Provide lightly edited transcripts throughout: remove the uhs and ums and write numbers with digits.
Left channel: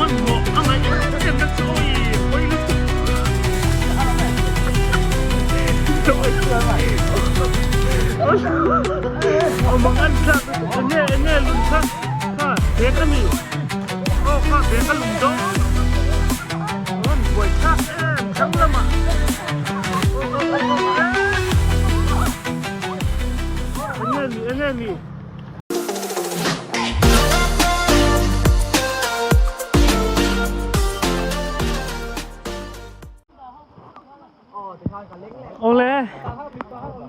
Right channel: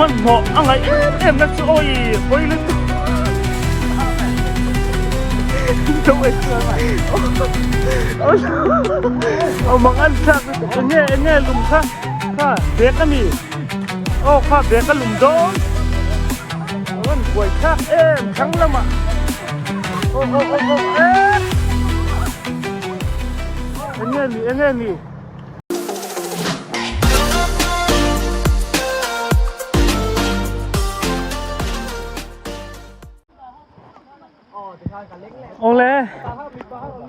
มันเหมาะอะไรเอ็มนั่นโอ้ยโอ้ยรู้สึกโอ้ยเอามังอันชักเนี่ยลุงชักข้าเด็กกันนี่โอ้ข้าเด็กกันลุงโดนมันป่วยชักทั้งละมั้งโอ้เนี่ยมีโอ้เลย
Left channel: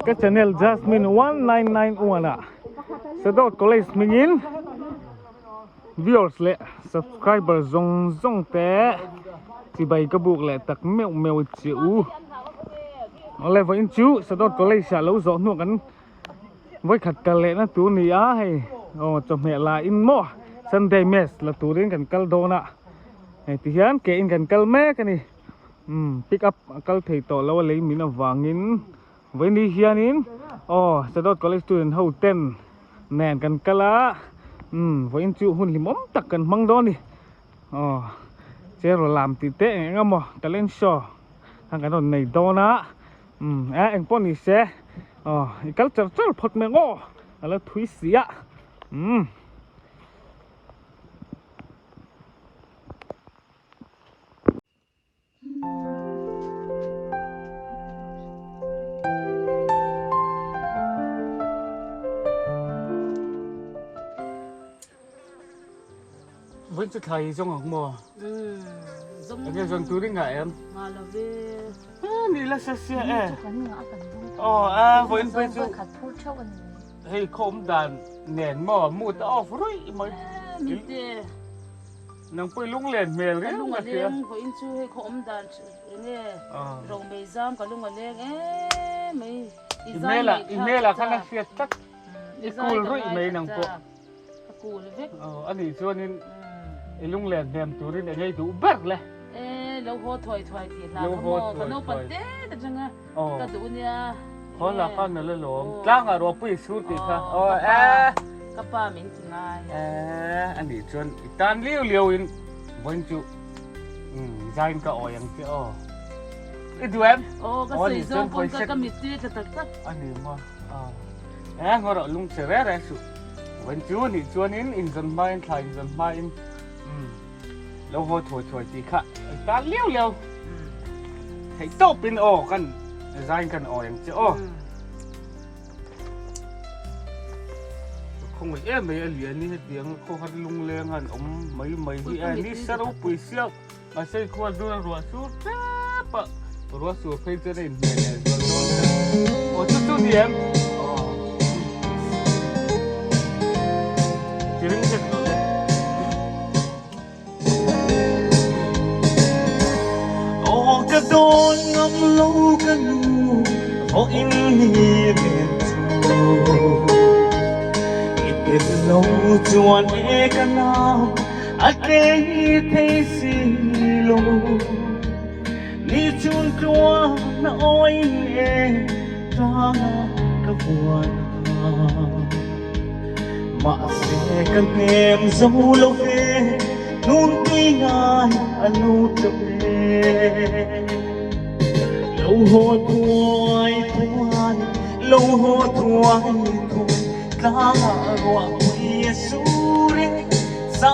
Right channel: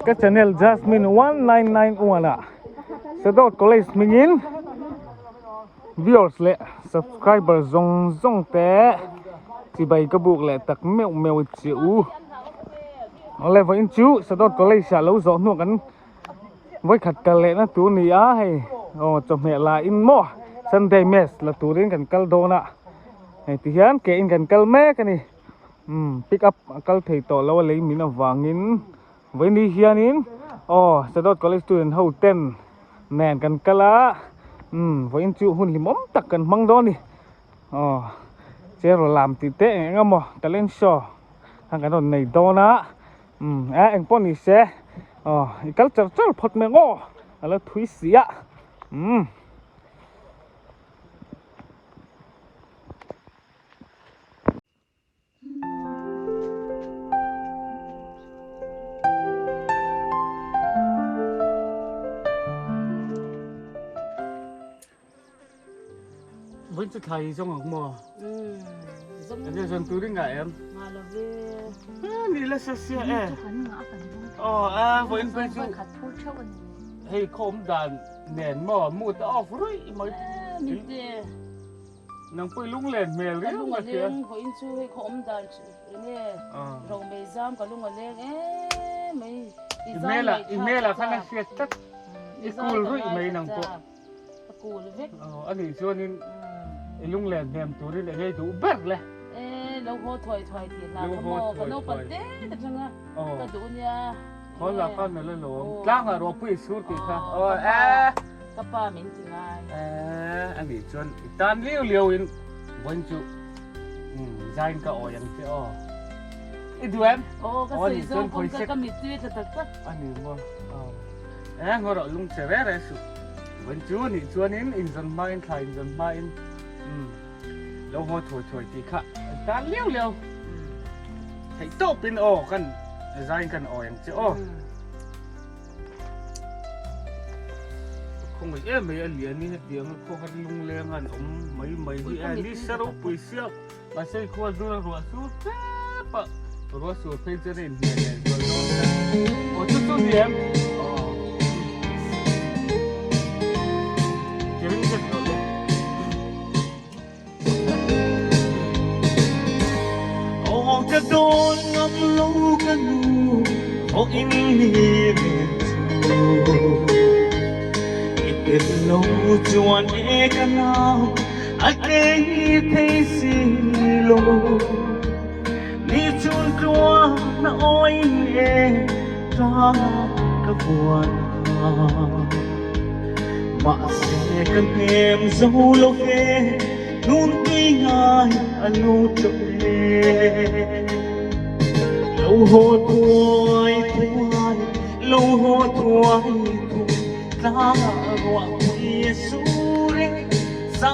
ก็ชาแนล Jasmine 199อ่ะสะดวกก็เลยสมิงิน viewers เลย subscriber ซงแต่ที่ใบกระบุกเลยตักแมวจิ๋วโอ้เลยวันจูสะดวกก็เลยชาลูสอนหนูกันไว้ขัดกันเลยนะตัวนี้อ่ะให้โอ้จบเหตุลาอินโม่ Sunday mess ละตัวเรียนกันกัลโดนะไอ้ที่ยันเกี่ยนกันกัลแม่กันนี่pick up kal thei to lo le min awangin veni hianin sadot college student ho 10 nen kan kala voin chu hun limom tak kan mang do ni chero lam ti te ngamo talent show hang kan nei do na eng pon ni se kal char phot me ngo ala thui sia vẫn chưa thấy trong ngọc mùa em nghe dần túi đi ngại em mà là về đi là xe xe vẫn bây giờ hay không đàn nền mò mua tao rồi mới nang pui lung len mel cái lung len ko in chu hay không đàn nè rong bê giam cả lung len mấy ine là khăn năng phiệt tất cool rồi mấy nang po cool vậy anh đi cho nên lung len mềm túi đi ngay túi bớt lên lâu ho thoại thì làm cái mò cái nấu bát tết tất nhiên cái túi nha khó là con nó lên lỗ lang ở đó bụi suốt thì sao các ba mình chỉ ngay anh đi cho tan liêu in vẫn chịu dành cả ỏi yang kia đi đuổi em cái sợi dâu con cái mít tươi thật anh đi mà ngồi đó lung sẽ rét đấy su vẫn chịu đi cho nên in dần mai thay dần mai lâu hồi thổi thì khá ta liêu thấy tốt bênกันdànhกันอย่างเจ้าkhông phải em mấy liền ní tiếng cô hát lung lên ngàn ông mấy thì anh ní sao đâu bùi siêu mà xây khoa rùa suốt bạ rùa suốt phải cho nên này rồi chút gì em chứ rất rồi cái đôi ngắm lâu cái nụ có in hiền ít lâu chuan e cái nào ai kể thấy xì lô đi chuan chua na oi e ra cái buồn mà sẽ cần em dấu lâu về nun đi ngay anh nút tập lâu hồ thuai lâu hồ thuai ta gọi quỳ sure sa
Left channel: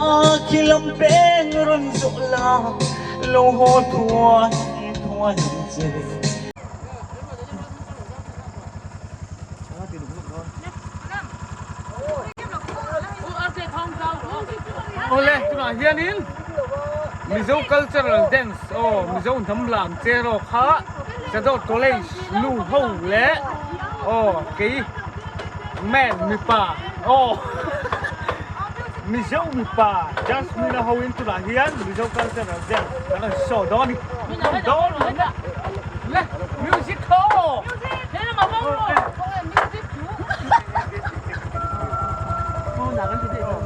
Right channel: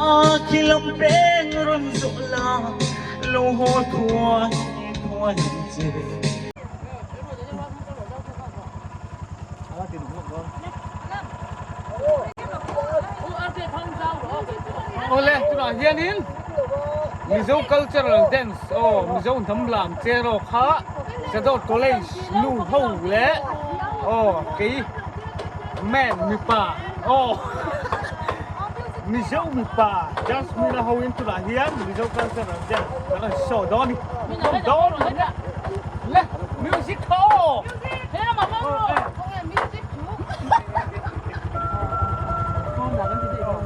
khi lâm bên run rộ la lâu hồ thuai dễ Oleh, tu nak hianin. Mizo cultural dance, mizo thầm chero kha, sadot college lu hou le, cái man mi pa, mizo mi pa, Jasmine hou in tu nak hian, mizo cultural dance, kalau show doni, le, music ho, thế mà không em music chú, không làm cái gì đâu.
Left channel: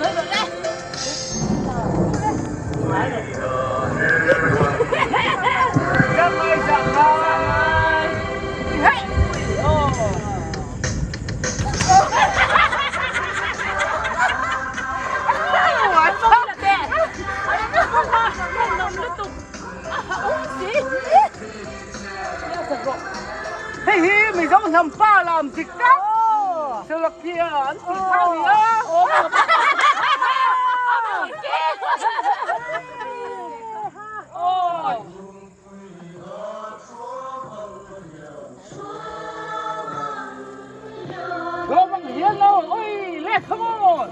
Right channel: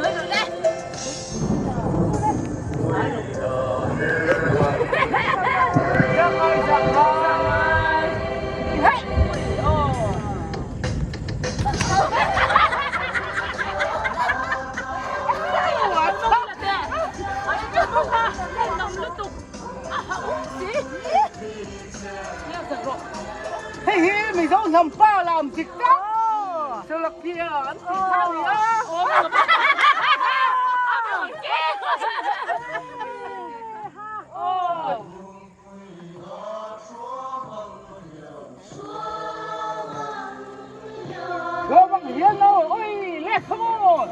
人来了，来。让开让开，你看，哦。完了。嘿嘿，咪想ทำป้าลามจิกกักสลักเกียร์อันติดข้าวเหนียวโอ้ยเราบังเหียนเราโอ้ยเล็กขโมย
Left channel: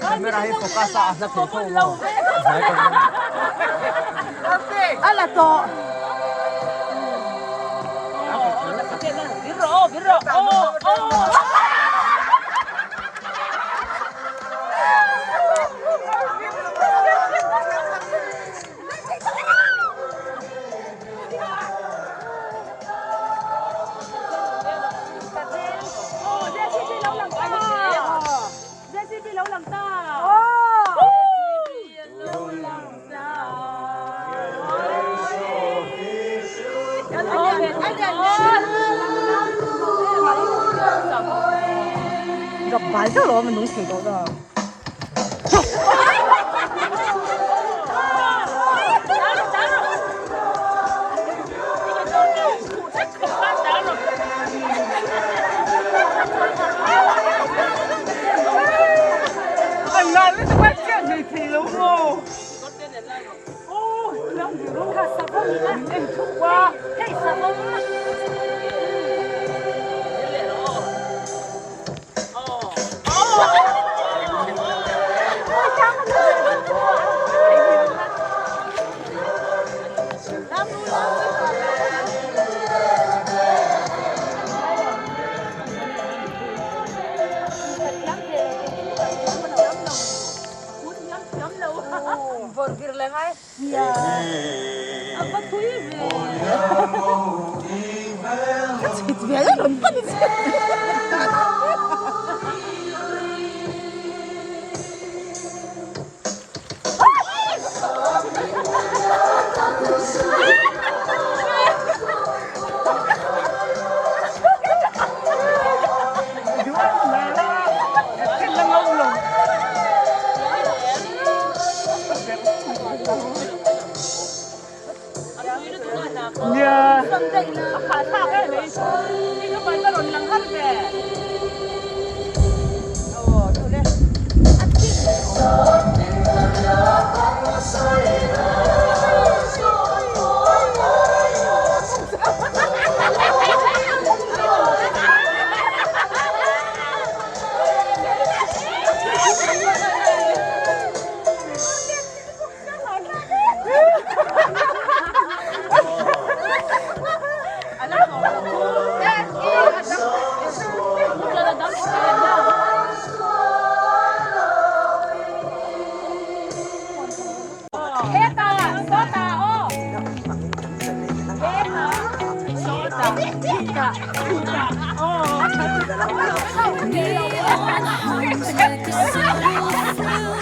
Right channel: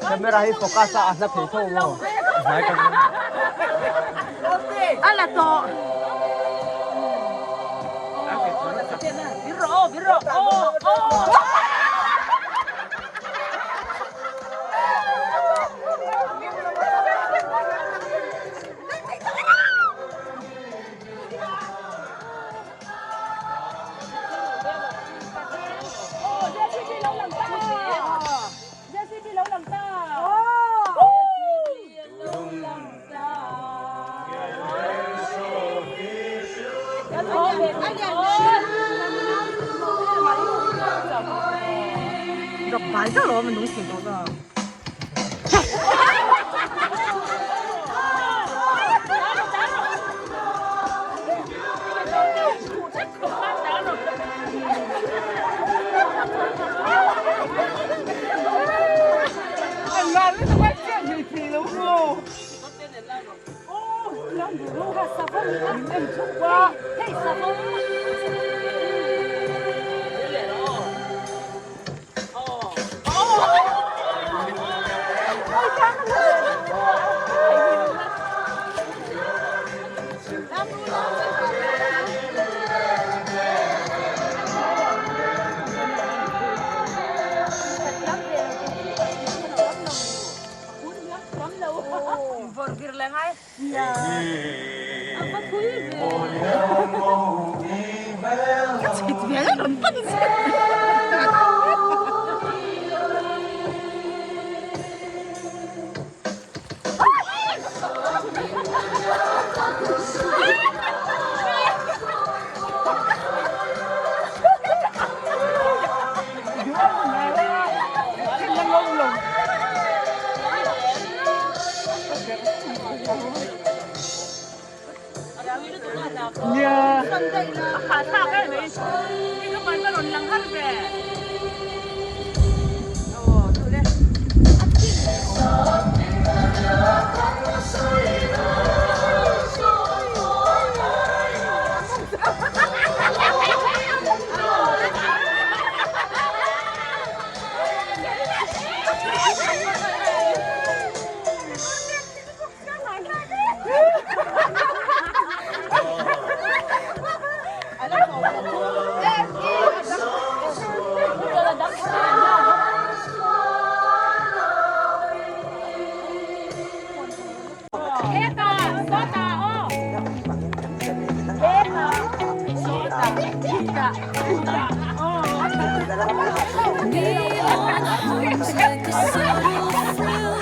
Kamera hi focus sa asap ito mo. Dahil kami. Ala to. Biro, biro. Oh. Gặp vài cái rồi mình đúng kiểu đó rồi. Anh nào lấy cho bác chuyện thì đúng không? Làm gì luôn cả sao không á? Em chụp qua. Hey sao không á? Burger lang ay. Yeah. Apa tuh ini? Itu ya nonton sih. Dạ. Neon homes like a subtle thrill.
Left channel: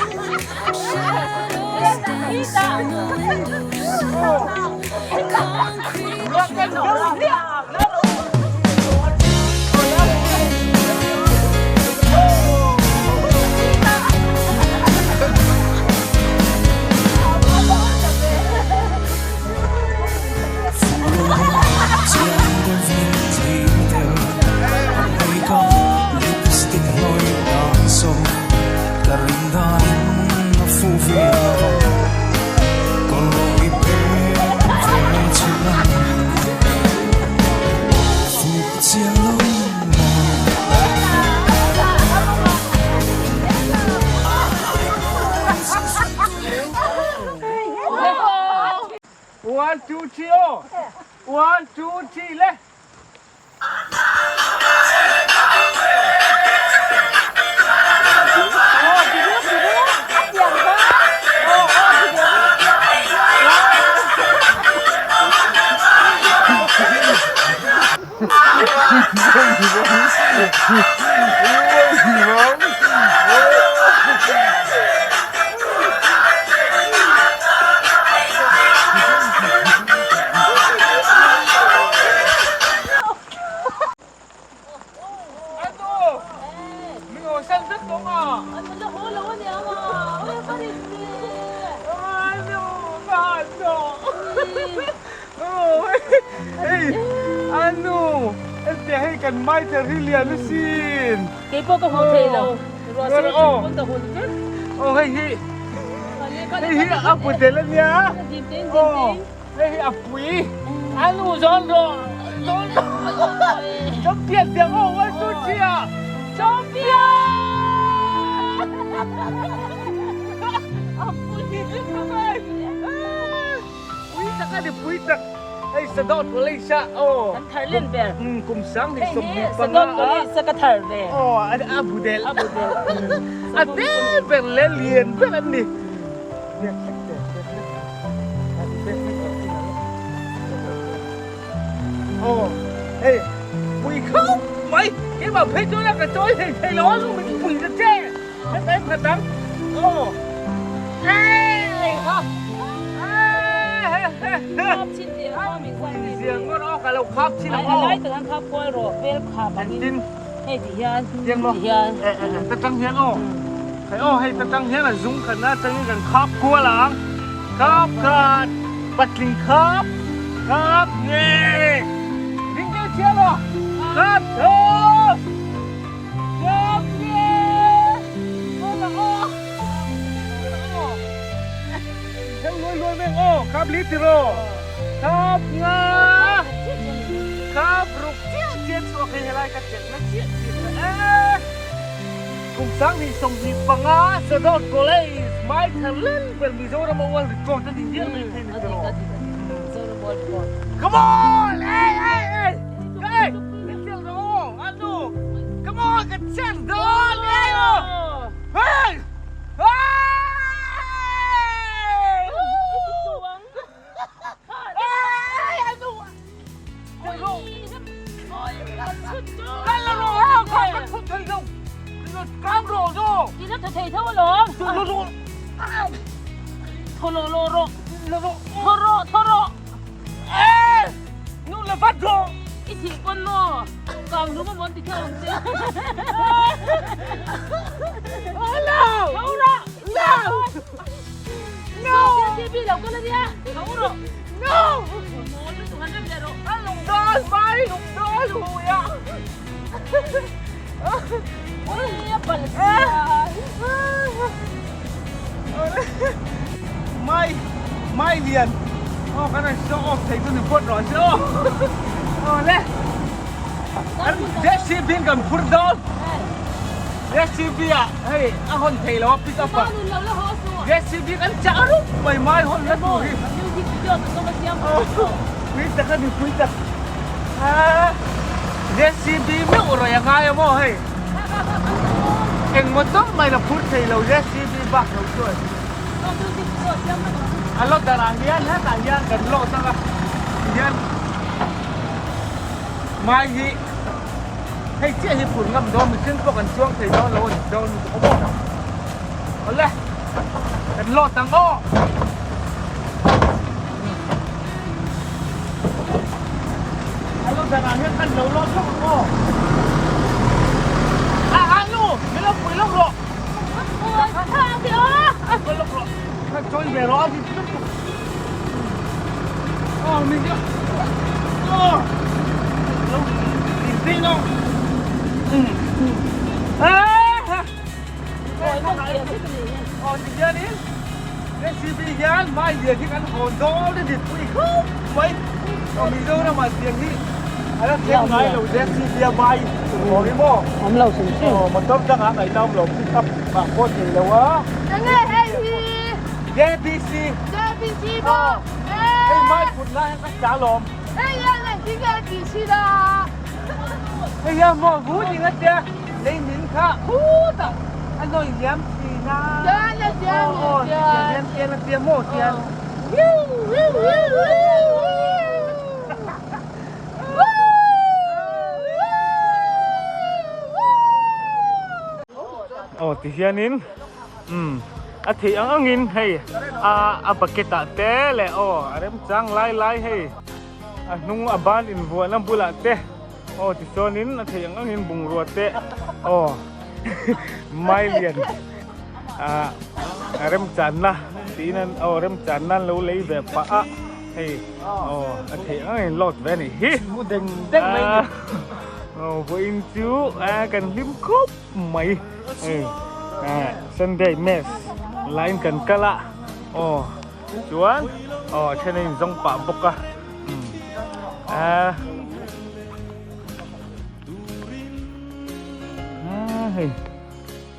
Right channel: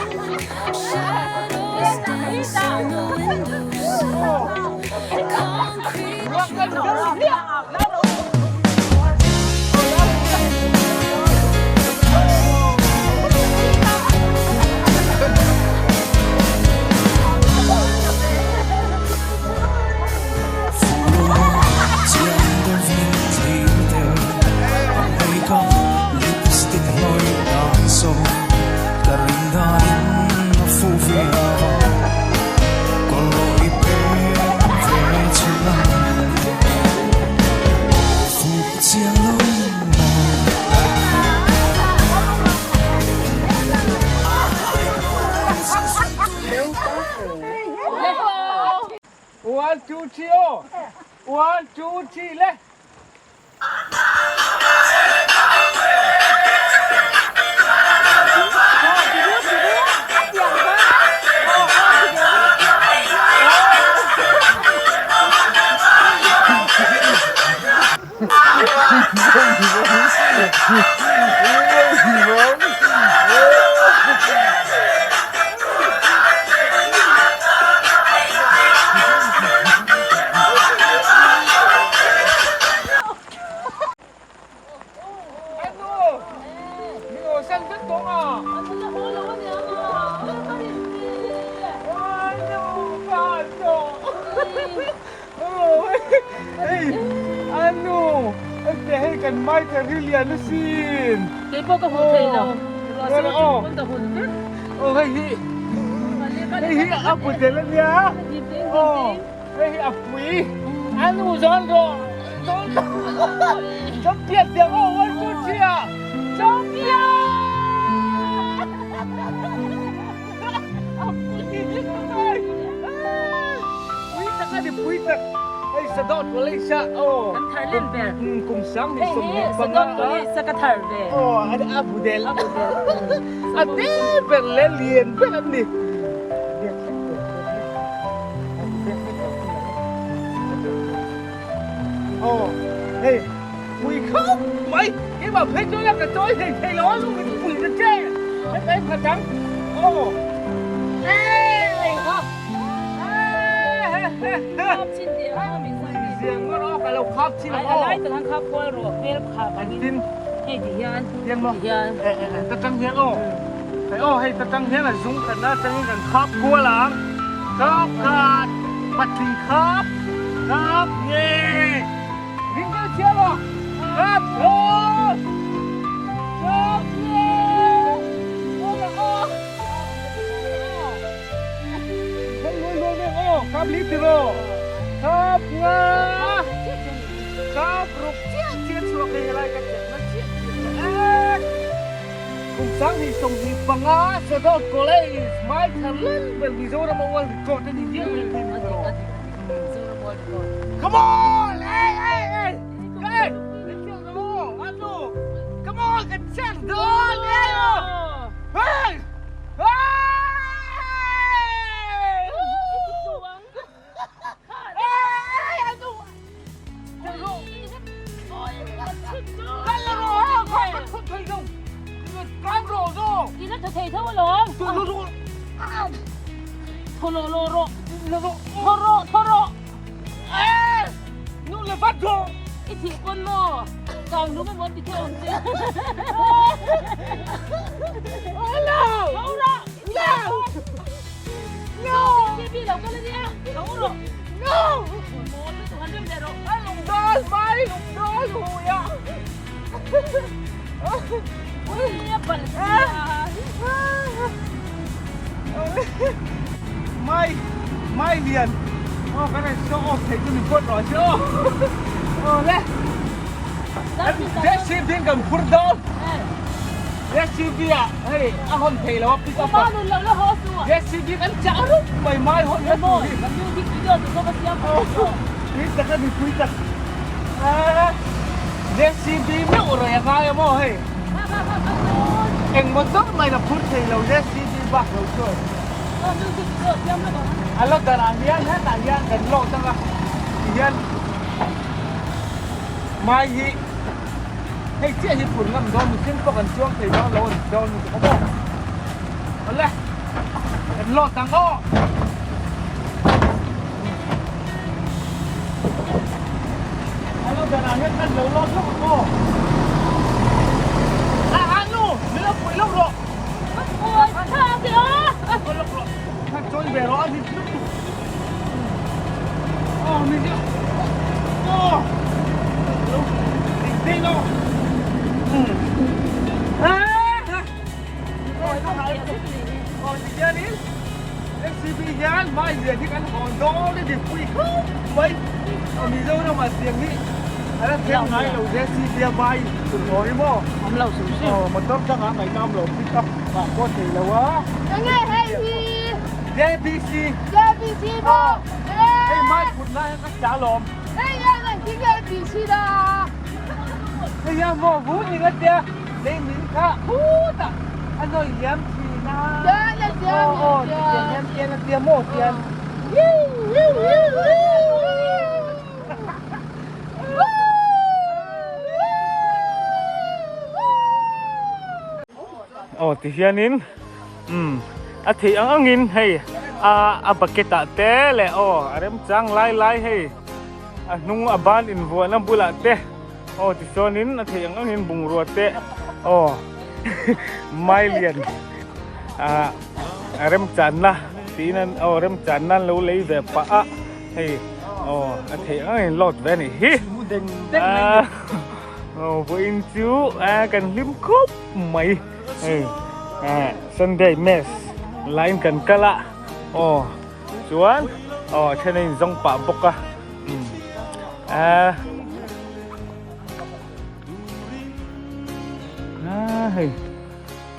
Shadows dance on the windowsill. Concrete One, two, three, oh. 1, 2, 3, left. Ano? Mingo, saan sa to nga? Ano na ulo niya mo? Wala pa rin. Ano? Kaso? Oh, hey, ano? Hey, kan mai Rilya nasin. Kepo ka hotel. Pero, oh. Punta hotel. Oh, hey, hey, apa jalan ya? Ginting, Oh, ginting. hey, apui. Ano, Zonro? Zonro. Champion dia oh, wasu dia. Champion. Apui. Puitak ada puitak. Hey, sedot Malaysia. Oh. Kan Thailand ber. Kumsang ni Hey, sumni hey, panga. sekatar ber. Oh, ada Abu Del. Ada berlelian beran ni. Oh, hey, quỳ khóc mày cái mà phê cho là cái tối thì thầy nó luôn mình quỳ ra che hết em thật đắng oh hey ha ชิ้นเดียวมีสักนิด riêng nó cả lầu khắp chi là อะไร oh แต่ทั้งครอบครัวรอเวลขับ anh tin ให้ดิยัน riêng mà ดิยัน ta tăng hiến oh thầy oh hay ta tăng hiến là dũng khẩn na tăng gần khắp cua láng khắp khát bật linh khắp khắp nghe Ring cái chia rồi khắp thơm khắp nghe ô là ô theo luôn luôn với ô khắp lít rồi khắp ngà khắp rục chia chuột hay lại cái chuyện nó chia cùng sáng thì sống thì bằng á sẽ đốt cô lấy mai thằng lên bởi vì rồi mà uống thì có tên gì vậy thế này rồi Come on! Hey, hey, hey! Hey! Let's go! Ano? Come on! Get set! Doon! Hey! Hey! Hey! Hey! Ano? Ano? Kalaro! Kalaro! Kalaro! Kalaro! Đi nó thầy thâu lộn. Kalaro! Thô lô lô rô. Kalaro! Thô rô. Ê! Nó là phát rồi! Ít thì con mò. Còn đúng không muốn thì theo ông chứ. Oh no! Không đó. No! No! Đi đi đâu có lên nha. Không rồi. No! Mò lúc tụi hắn đem ra rồi. Anh lùng đôi mày lùng đôi hùi à Ôi, bẩn Mai liền ô cái này show off thấy tôi phốt rồi chứ ô lẽ JCB cầm phốt đó JCB à hey anh hôn thấy là pick up à JCB anh chả lúc mày mai hôn lắm rồi quý tắc cái gì quý tắc JCB mấy rồi à ngay mà hey anh một tóc mày là phốt thấy là JCB bạc rồi rồi Alo darah hian ha ta hian kan lo ta hian mai hi hay chia hi phun ngam do mi xin ko kan chuang thei do lo do ni ko bo ole kan lo tang o alo darah hian kan lo lo ko anu mi lo pui lo ro ko lo ro thằng trôi về đó thì tiếp tục mình chưa lâu đi đâu thì giờ đi JCB gian mai về thì ăn hòn đó để đi quỳ không mấy mình dơ đâu mà tiền đi anh xem ngay là JCB bay cùng ngồi đi mò Ông lâu sủng xí. mà tóm chắc hãng này tao là pick up mà có thể là quá JBC JBC đó. Ê mai phụt lại các trả lộm Ê ya này cái JBC đó. Ê ya mò vũ gì hết kìa lấy miếng khá hú ta anh nói dám thì na Dạ dạ dạ. tiền tiền là tiền một tiền ti hianin a thi ang in hei a baketa te le arem chang lai hei a nung aban in vuan am bula te ti sonin a thi ang in bung ro te mai lian arem chan na tinan arem chan nan lo lei ve pa hei a thi ang in lot ve ni hi mu deng deng mai vô in chú cần lim khúc mày Sunday mess lain cần kala chuan cho nên dòng bả bốc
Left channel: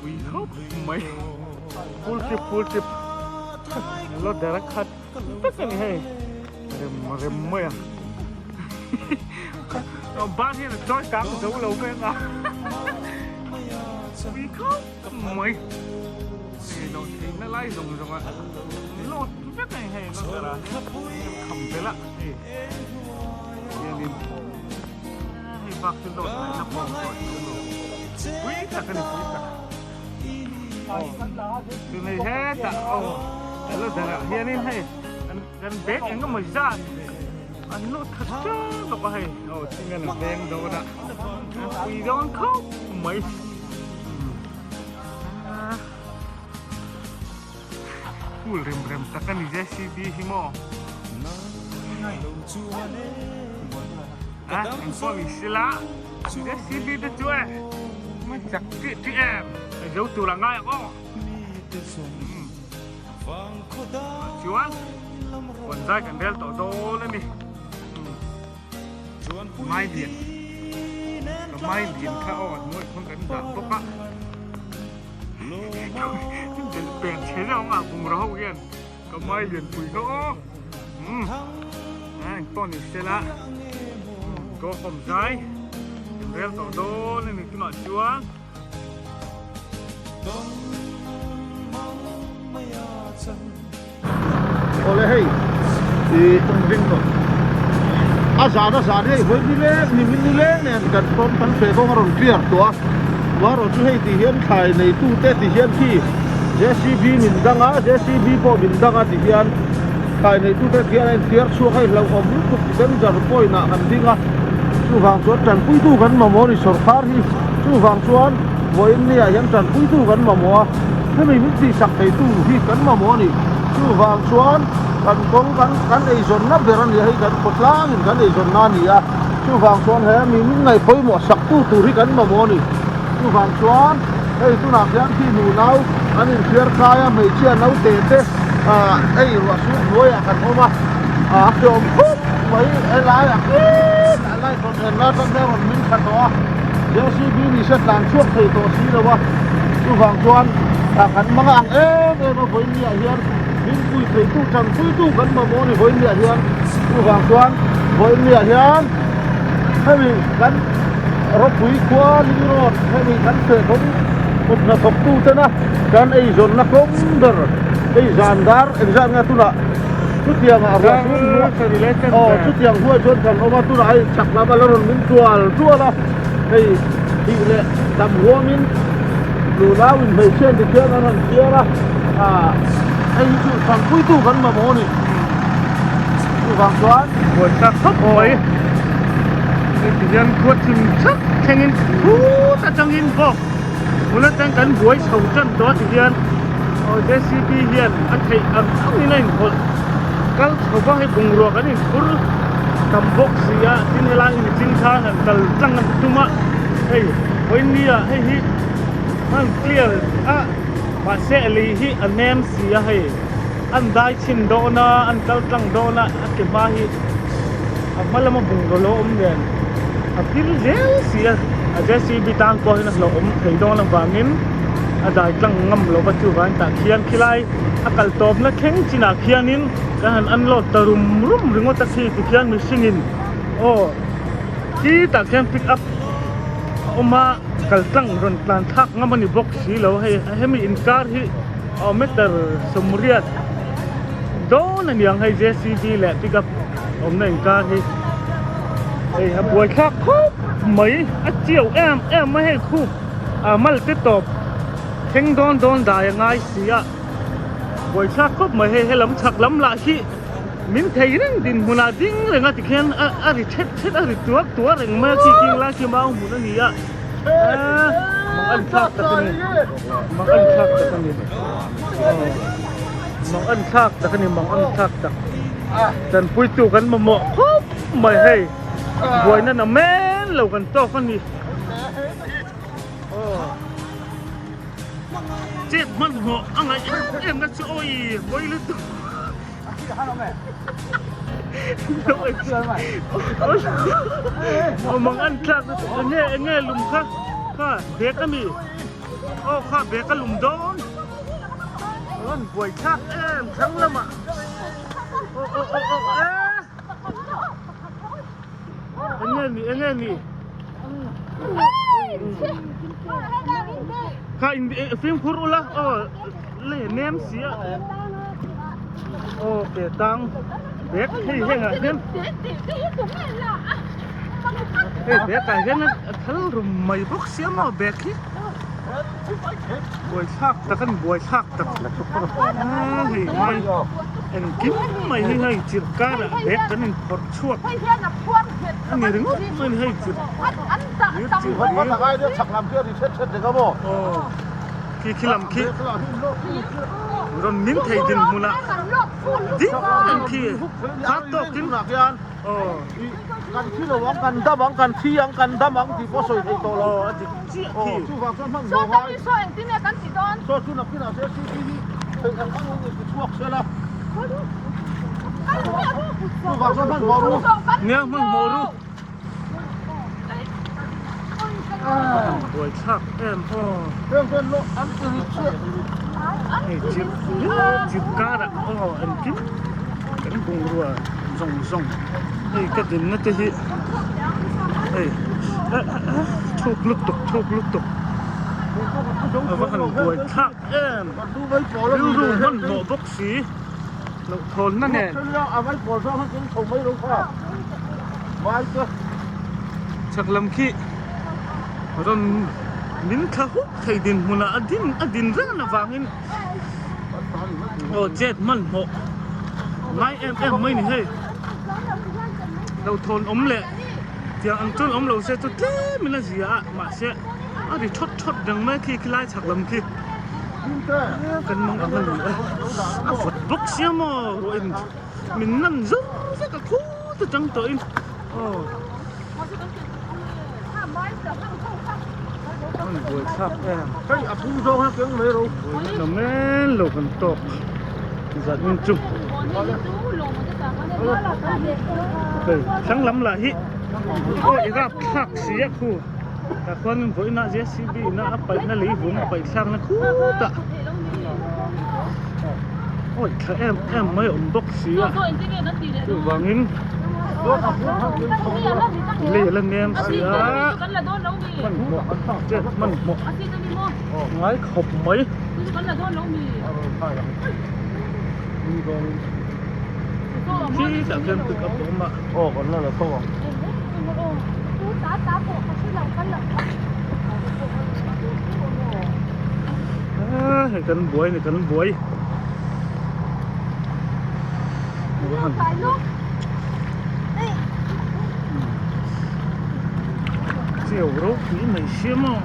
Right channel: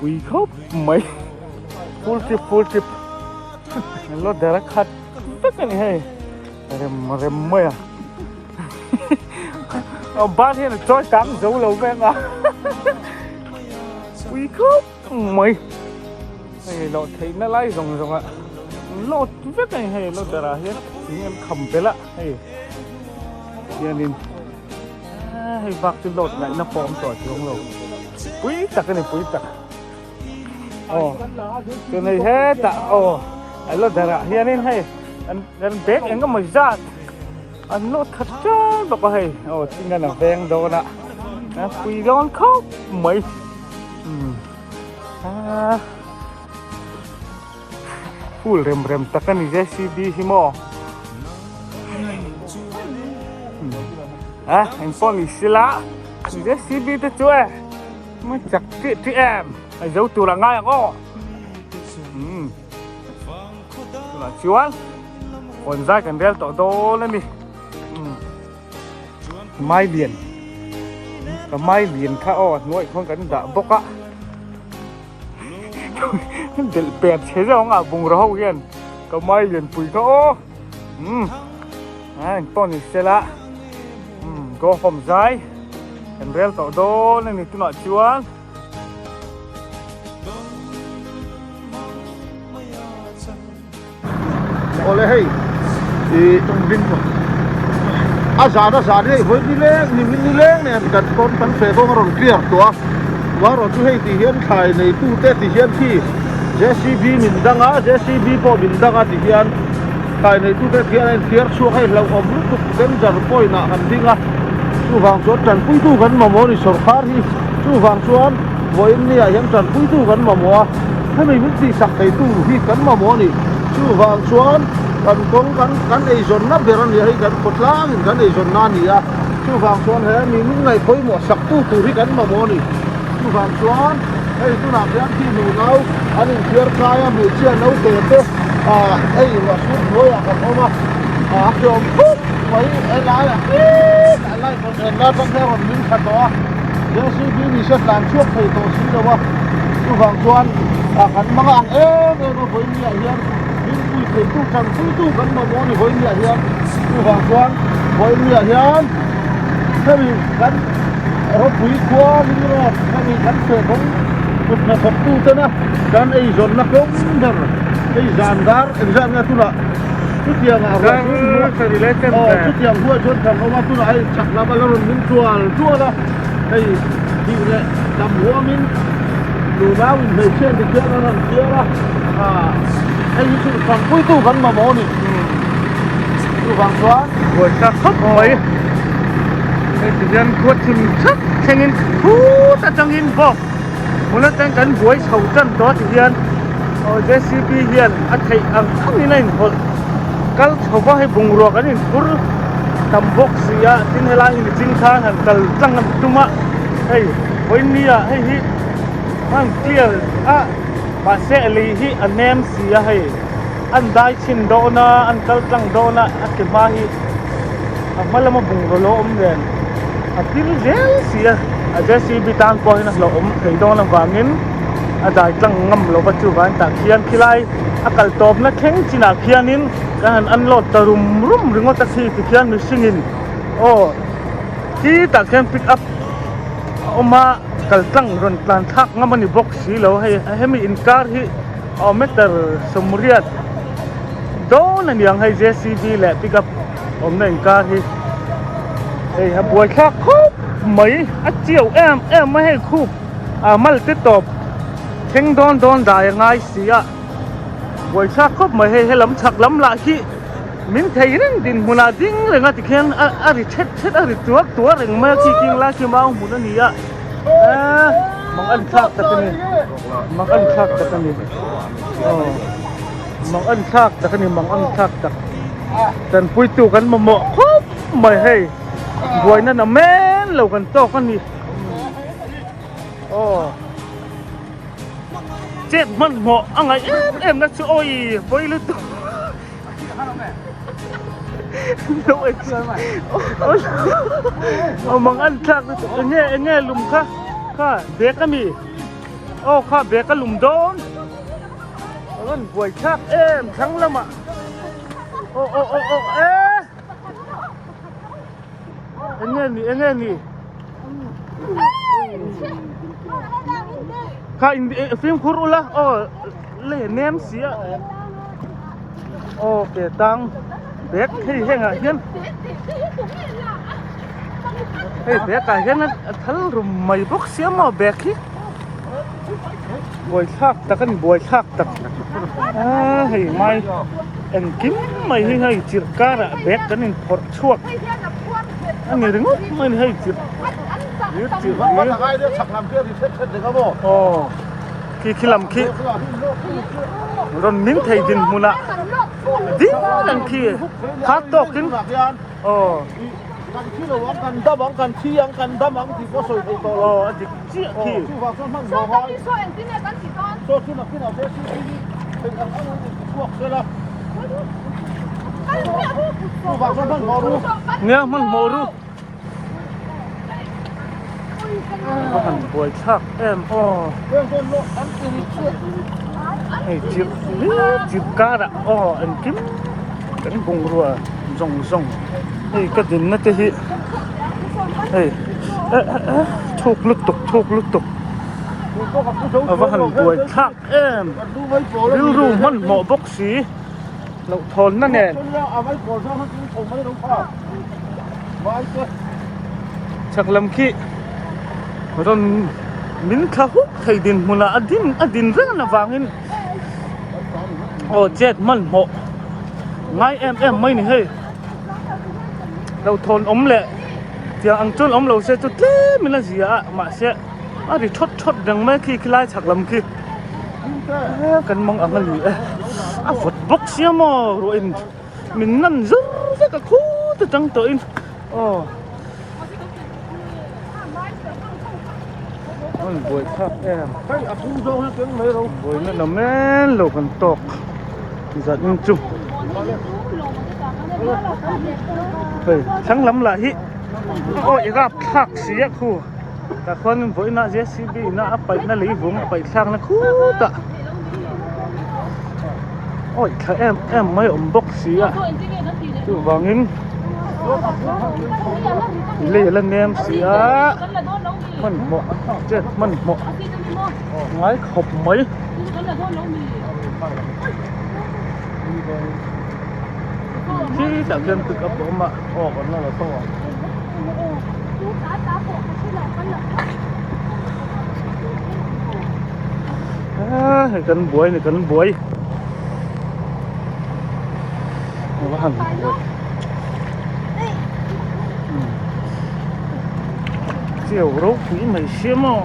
quý khúc mày full chip nó đã khát tất cả này rem mày ba thiên là chói cắm dấu lâu ven à quý khúc mày nó thấy nó lái rồng ạ nó rất này hay nó ra hết khẩm cái lạ hay nên hay vác cái lột lại nó phom tỏi xuống rồi quý chặt cái này quý chặt cái này hết chặt nó ra hiện nên hay anh bé anh có mày ra anh nó thật cha nó có hay chính là ven đồ nè quỳ lon khóc mày full rem takan JCB himo anh phong sila JCB tu cuy mà chặt chị em giấu tu là ngay có chuan còn ra cần đeo tổ đô lên đi mai liền khá nuôi không cần đã bốc á để bẹt thế rồi à vùng rau kia có mai liền phủi khá anh con thì xe lạ có hòm dai cần đeo tổ đô lên đi cứ nói chuan ole hei din azar hei hoi ni le ne kan kon tan fe ko ron clear to wa ro tu hei ti hian khai nei tu te ti hian thi JCB min danga JCB po min danga ti hian khai nei tu te hian en clear chu hei lo om lu tu den jar poi na kan dinga chu wang chuan tan pui tu kan ma mo ni sarkar hi chu wang chuan voin ni a hian tan pui tu kan ma mo he mai min ti sak thei tu hi kan ma mo ni chu wang chuan kan kong kan ei zon na beron ni hei kan potlang in kan ei zon na ni a chu wang chuan he mi min ngai phoi mo sak tu ri kan ma mo ni chu wang chuan hei tu na hian thi nu nau an in clear kaya me chia nau te ei wa su noi a kan oma chom phuk mai lai kon en na tak ne ron min kha to JCB ni se tlan chuak thei to si lo wa chu wang chuan kan manga ang no voi ni a hian min pui thei tu thang pui tu kan ma mo ni voi ni a hian chu wang chuan voi ni a hian hemi kan ro pui kwa ni ro hemi kan se kom na khop tu te na kan ei zon na kom ber ei zandar en zan na tu la tu tiang a ra tu tiang huwa chon kan oma tu la ai chak la ba ron min tual la ei di le dam huwa min lu la min me chen de chen na ran kiera ai tu kan pui tu kan ma mo ni tu wang chuan buổi ta khóc mấy thời gian khuất chìm chắc thanh in khu ta trong in vô muốn nó đang cắn buổi sầu chân đó thì hiện JCB hiện anh thấy ăn không như này thôi cái sầu bao hay bùng ruột cái này cứ cầm bốc gì á tin hay là in tin khá hẳn cần trăng làm tung á hey với nia hay hi anh clear mà sẽ lấy hi anh em gì á hay anh đại xin đó na anh tal trăng đó na anh cái mai malam mo bung lo yan tin siya JCB tan ko na lo thei do na wanin dai tlang ngam lo ba chu wan ta khian khilai akal top na theng china khianin han an lo tarum ringo ta si khian mi singin ki ta khian pick up oma kal tlang ron tan thak ngamani box si lo hemi inkar hi meter somriat do na niang hai JCB le pick up này ca thì buổi khác khúc mấy chiều em mới hay khúc mal tiếp tục เท่งโดนได้ยังไงเสียบวยชาก็ไม่ให้ลำชักลำละที่มินเทยนั่นดินมุนาดิ้งเรื่องที่เขียนอะไรเช็ดอะไรตัวเรื่องเมื่อกี้กินละชื่อมาหุ่นนี่อ่ะมันอันชักตะกันนี่มันอันชักตะกันนี่มันอันชักตะกันนี่มันอันชักตะกันปุยตัวกันมาหมกไม่ให้บวยนั่นน่ะแม่นเรากันโตกันนี่เจ็ดมันเหมาะอะไรนะช่วยบวยลึกตัวเอามังอันชักเนี่ยลุมข้าเบียกันนี่ข้าเบียกันลุมโดนแล้วบวยชักทั้งละมาเนี่ยนี่ข้าฟิล์มคุรุละเล่นเนมเสียเปียตังเด็กให้เห็นอ่ะเห็นเด็กอ่ะเห็นนั่นทั้งรุมไม่บอกเสียมาเบ็กที่บวยชักตะกันบวยชักตะให้ไม่อันกินไม่ให้จิตการะเบ็กกันนี่ปวดช่วงอันนี้ถึงไม่ให้จิตยืดจิตนี้ขี้ลำขี้รอนมิ้นไทยดินมุนะดิ้งนั่นขี้ฮัตโตกินกันที่เราวังกันดับวังกันที่ยังกันดับวังที่ก็สวยไทยโตแล้วที่ฟังซ้ำมันบอกว่าโซ่ที่นักที่เราเสียที่ถึงกันทั้งมันจะพวกเสียแล้วฟังซ้ำมันบอกรู้เนี่ยมันโมรู้บวยชักเรื่องโลกอันตื่นเชื่อให้จิบการะอันกินกันกงรัวส่งให้กระดิ่งนั่นจะฮิให้ทุกลุกตกว่าหันบวยชักรู้มันเหมาะบกสีเราทนนั่นแหละเอาไว้ปวดร้องให้คุณชมไม่รู้พ่อไม่ก็ชักลำขี้รอนมินข้าวไทยดินมุนาอดินเรื่องน่ะฟังเห็นเจ็ดมันเหมาะไงไม่นี่เฮ้ยเราทนแหละเดี๋ยวอังจนเราเสียจุดเล่มิลาเสียมาเสียดิชดดังแม่ขี้คล้ายฉักลำขี้กันมองอะไรฝดบกเสียมารู้อินมินนั่นซึกกะคู่ตัวจังตัวอินบวยชักเฮ้ยอาคุ้มโซ่ให้เก่งเลยเราบวยนั่นน่ะแม่นโลกันตกจะมึงจุ๊บเฮ้ยช่างลำไหลอีกทักเสียคู่แต่คนบวยน่าเจสบีน่าไปน่าหลีบุ้งไปช่างนะคู่ตะข้าไม่บกเสียอยู่วางอินเล่นเนียมเสียมันเหมาะเจ็ดมันเหมาะไม้ขบไหมที่จะเดินติดกับผมอ่ะกันแล้วเราต้องให้กันบวยว่าหันเจียวรู้ผีไม่เชื่อมั้ง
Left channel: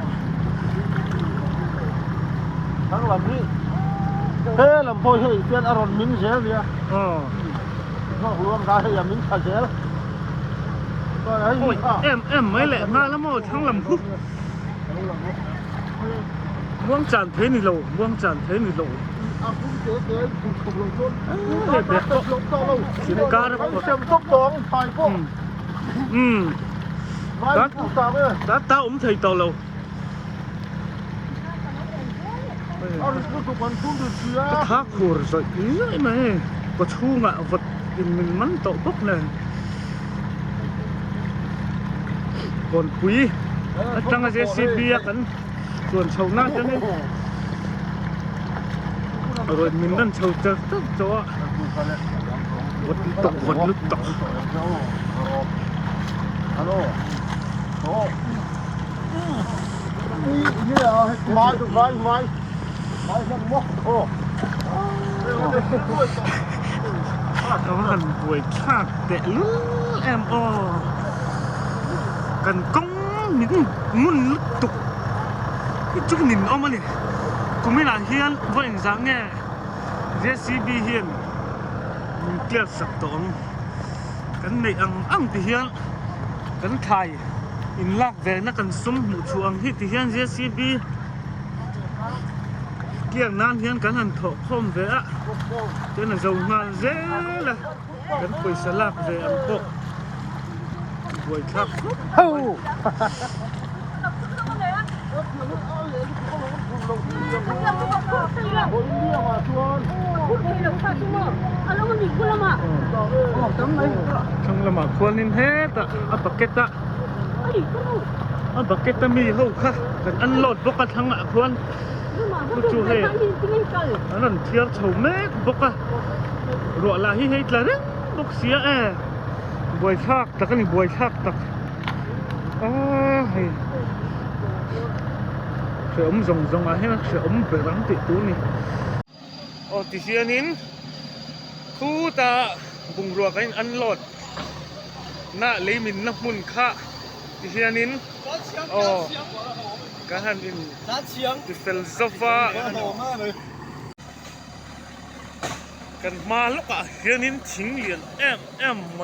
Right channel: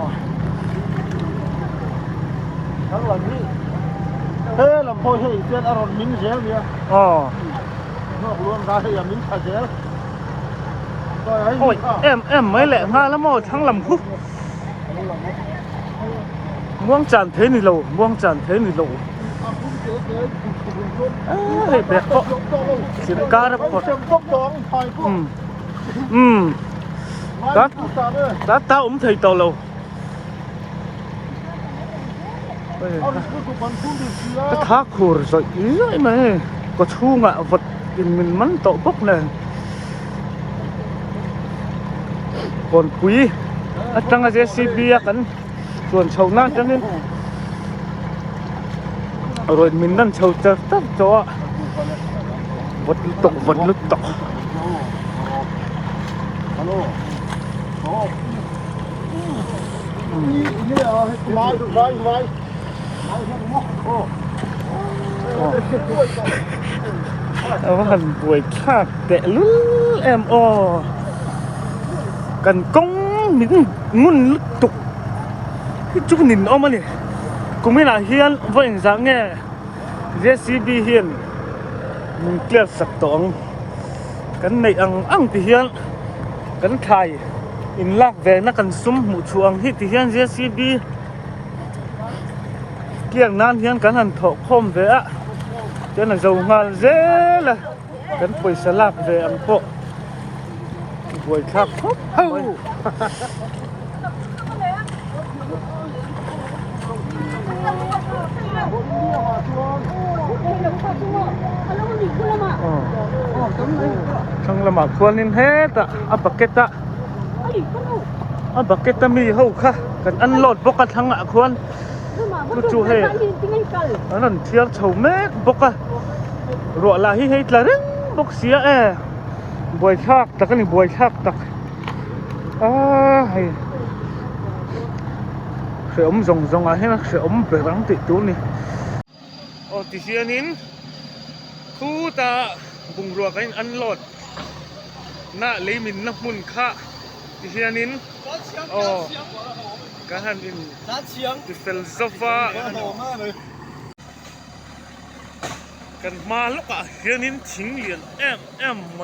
ทั้งลำนี้ลำโพงเสียนอารมณ์มิ้นเสียเนี่ยนอกรวมได้ยังมิ้นขาเสียไม่แหละมาแล้วมั้งทั้งลำพุม่วงจันเทนี่เราม่วงจันเทนี่เราสินค้านะพ่อcác tao cũng thấy tao lâu cái thác khổ rồi ý mà có thu ngạ vật mình mắng tậu bốc này còn quý tăng là JCB cắn chuồn sầu nát cho nên rồi mình đang sầu chờ tóc cho vật nước tộc vai โอ้ เอาว่ากันป่วยชากแต่ลุ้นแอมออกันก้องมินงุ่นลุกตุกที่จุกนินออกมาเนี่ยกูไม่น่าเฮียนว่าอย่างสังเงี้ยเจสีบีเฮียนมันเกลียดสักตองกันในอังที่เฮียนกันไทยอินลักแวนักกันซุ่มหมู่ชวงที่ที่เฮียนเจสีบีเกี่ยงนั้นเฮียนกันหันถกคมเวะเจ้าหน้าเจ้างานเจ้ละกันป่วยสลักเวอันพวกป่วยชักเฮ้ยช่างละหมาดควรนินเฮตะอับเกตะอับเกตะมีเฮาค่ะกันอันโหลดบกทั้งอ่ะควรกูจูเฮอันนั้นเทียบเฉาเม็ดบกรัวลาฮิเฮตละรึงบกเสียบวยชักตะกันนี่บวยชักตะเฮ้ยเขียวซงให้นะเขียวเปรังติดตัวนี่โอ้ติเชียนินคู่ตาบุงรัวกันอันโหลดน่าเลยมินนักมุนค่ะติเชียนินโอ้การหันอินติเฟลโซฟากันมาลูกอ่ะเฮียนินทิ้งเหรียญแอมไหม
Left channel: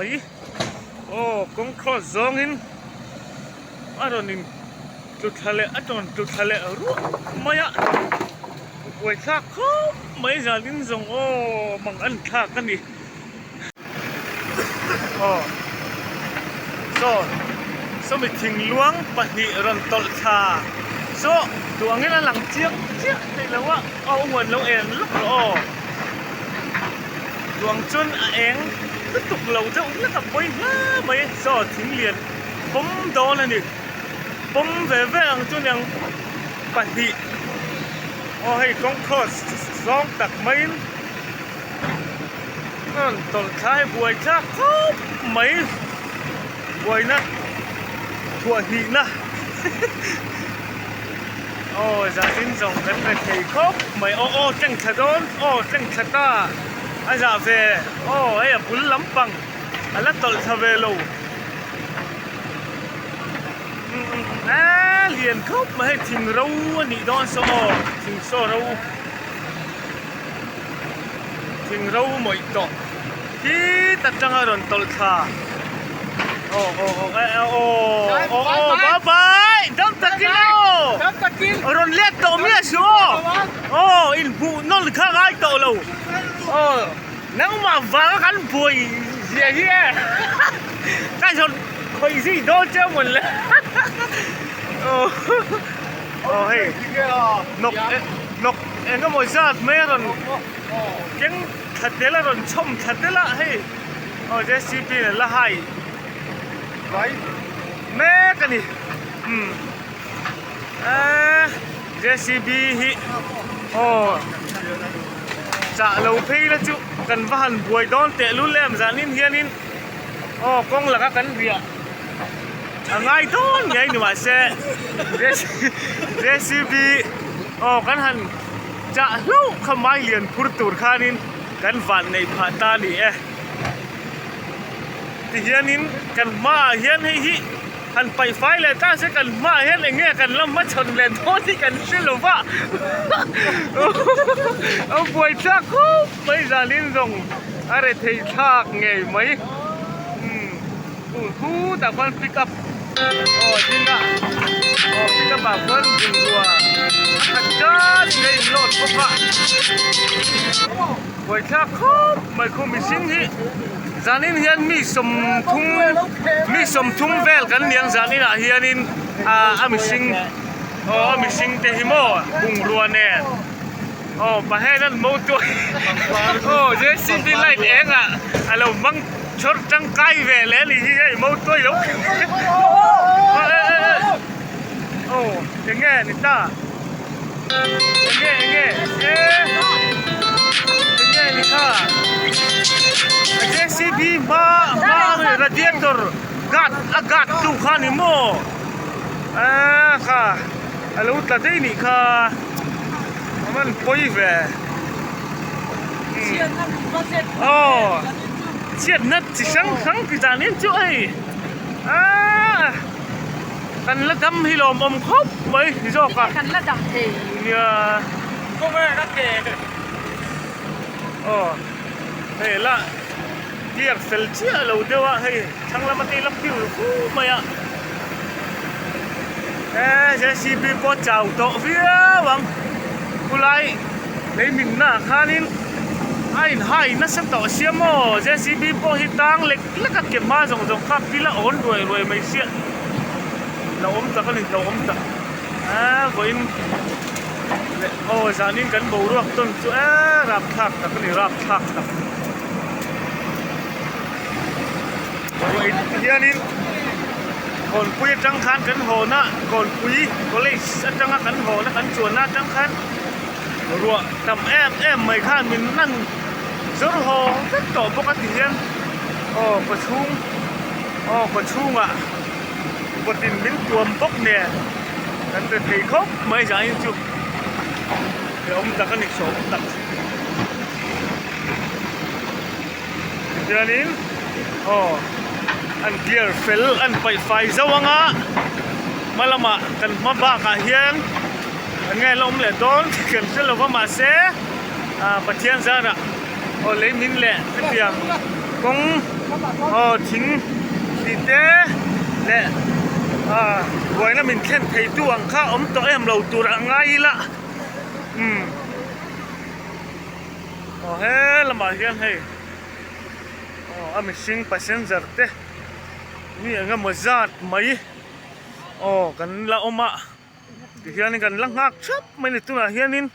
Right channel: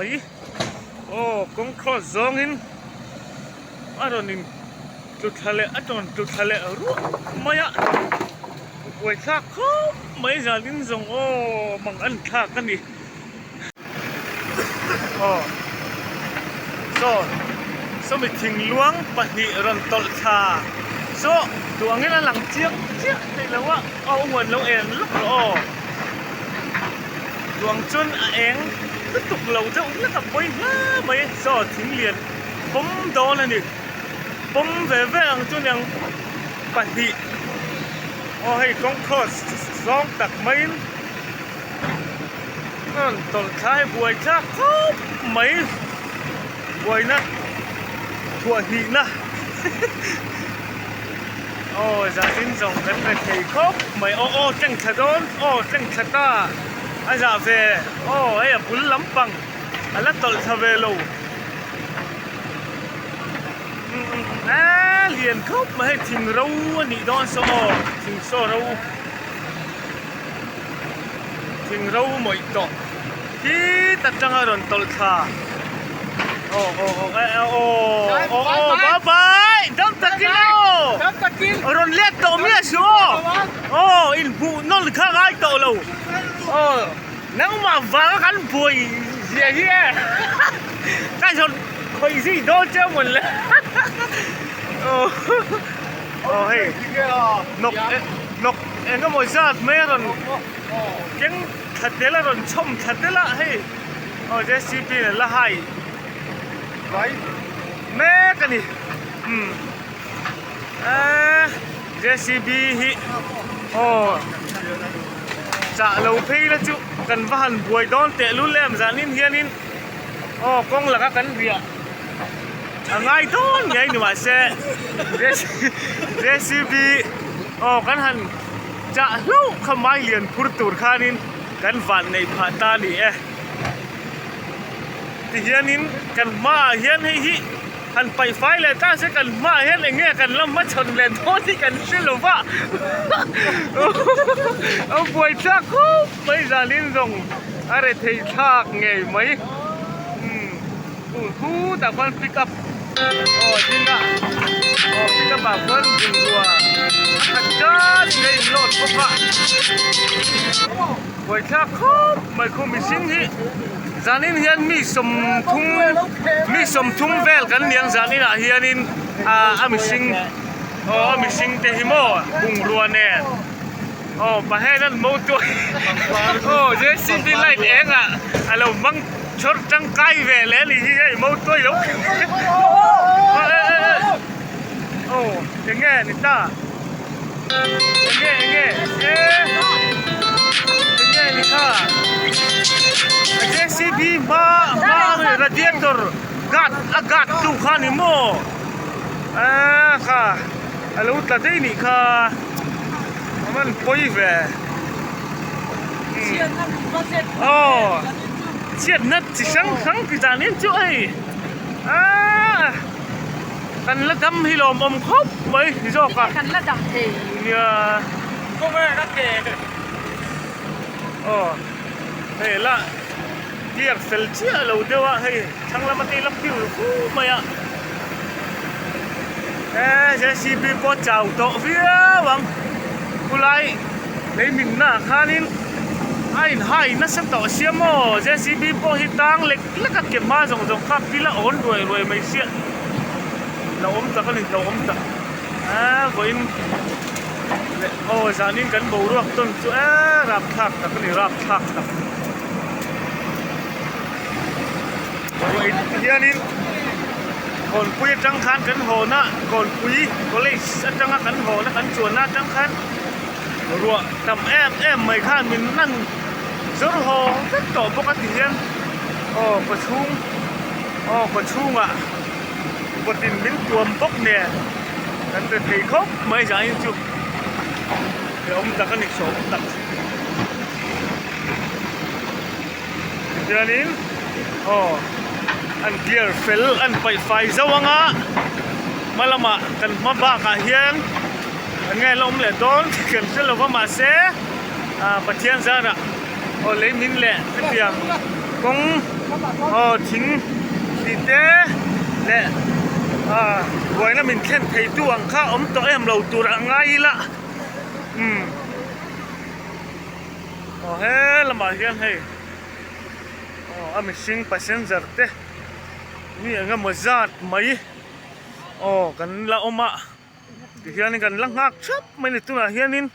โอ้กงครอสองอินอารมณ์นินจุดทะเลอันนั้นจุดทะเลรู้ไหมอ่ะไว้ทักเขาไม่จะลิ้นส่งโอ้มังอันทักกันดิโอ้โซไม่ทิ้งล้วงปะหิรันตลชาโซตัวงี้น่ะหลังเจี๊ยบนี่แล้วว่าเอาเหมือนเราเองลูกโอ้ดวงจุนเองก็ตุกเราจะอุ้งแล้วกับไปไม่โซทิ้งเหรียญผมโดนนี่ผมเว่งจนยังปะหิโอ้ให้กองคอสสองตักไม่นั่นตอนท้ายบวยชักเขาไม่บวยนะถั่วหินะโอ้จะสิ้นส่งกันไปที่ครบไม่โอ้จังขดอนโอ้จังขตาอาจารย์เฟโอ้ไอ้บุญลำปังอะไรตอลทเวโลเรียนครบมาให้ทิ้งเรานี่ดอนโซทิ้งโซเราทิ้งเราหมดต่อที่ตัดจังอารมณ์ตลชาโอ้บายดำตะกินอารมณ์เล็กต่อเมียชัวโอ้อินผู้นนข้างไอ้ต่อเราโอ้นั่งมาฟังกันป่วยเสียเหี้ยกันชนคอยสิโดนเจ้าหมดเลยโอ้เฮ้ยนกเอ็งก็ไม่ทราบแม่รอนยังขัดเดละรอนชมขัดเดละเฮ้ยโอ้เจสซี่ปีนละให้ไว้แม่กันนี่เจสซี่บีฮิโอ้จะเราพี่ละจุกันบ้านบวยดอนเตะรุ่นแรมจานินเฮียนินโอ้กงหลักกันเรียง่ายต้นไงหนูว่าเซ่เรซิปีโอ้กันหันจะเล่าขมายเลียนพูดตูดข้านินกันฝันในผาตานี่ที่เฮียนินกันมาเฮียนให้ฮิหันไปไฟเลยต้าเสกันมาเฮียนอย่างเงี้ยกันแล้วมาชนเลนโทษที่กันสิหรือว่าเอาป่วยชักคุบไม่จานินส่งอะไรเที่ชักไงไหมกูแต่คนปิกอัพโอ้จริงอ่ะโอ้ปิกอัพแบบคนจริงตัวขัดกันไงโหลดพวกว่าไว้ชักคุบไม่คุ้มมีสิ่งที่จานินเฮียนมีสมทุ่งเวลกันเลี้ยงจานินเฮียนินมีสิ่งมีสิ่งเตหิโม่บุงรัวแน่โอ้ประเทศนั้นมูตัวโอ้เจสซี่ไลท์เองอ่ะเราบังชดจังไกเวลนี่ที่ไอ้มูตัวลุกโอ้ยังไงนี่ตายังไงนี่ตาเจสซี่บีมาราเดียเตอร์กัดตู้ข้านี่โม่ค่ะเราตัดได้นี่ค่ะ มันป่วยแหว เชียร์นั่นก็เสร็จ อ๋อเชียดนัดจิสังขังกิจานินจุ้ยกันละดำฮิโลมอมครบไหมที่ชอบกัน กันระดับเท เนี่ยก็ไม่นักเกะอ๋อเฮ้ยละเกียร์เฟลเชียเราเดี๋ยวเฮ้ยช่างละมันตีลับผิวคู่ไหมอ่ะเจสีบีปอเจ้าโตเวียวังกุไลในมินนาคานินไอ้ไห้นัสต่อเสียโมเจสีบีปอฮิตังเล็กแล้วก็เก็บมาส่งข้าพิละอ่อนรวยไม่เสียเราอมตะกันนี่เราอมตะก็อินโอ้จานินกันบูรักต้นจุรับทักตะกันนี่รับทักตะก็อินเฮียนินคนคุยจังคันกันโหนะคนคุยก็เลยจังกันโหนะกันชวนนะจังคันรัวทำแอมไม่ข้ามินนั่นสุดโหก็ต่อปกติเฮียนประชุมอ่ะปกติมินรวมปกเนี่ยกันจะถีครบไม่ใช่จุดเดี๋ยวผมจะกันอีกสองตัดเดี๋ยวนี้อันเกียร์เฟลอันไฟสว่างอ่ะมาละมากันมาบ้ากันเฮียนไงลมเลยโดนกันเสร็จแล้วก็มาเสียปะเทียนซะนะเลยมินแหละเพียงกงทิ้งดีเต้แหละไว้นะมินแค่ไทยตัวอังข้าอมตัวเราตัวไงละเฮ้ละมาเฮียนเฮ้มิชิงพันเซอร์เต้นี่งั้นมาจัดไหมกันละอมาเฮียนี่กันลังหักชับไม่ได้ตัวเฮียนิน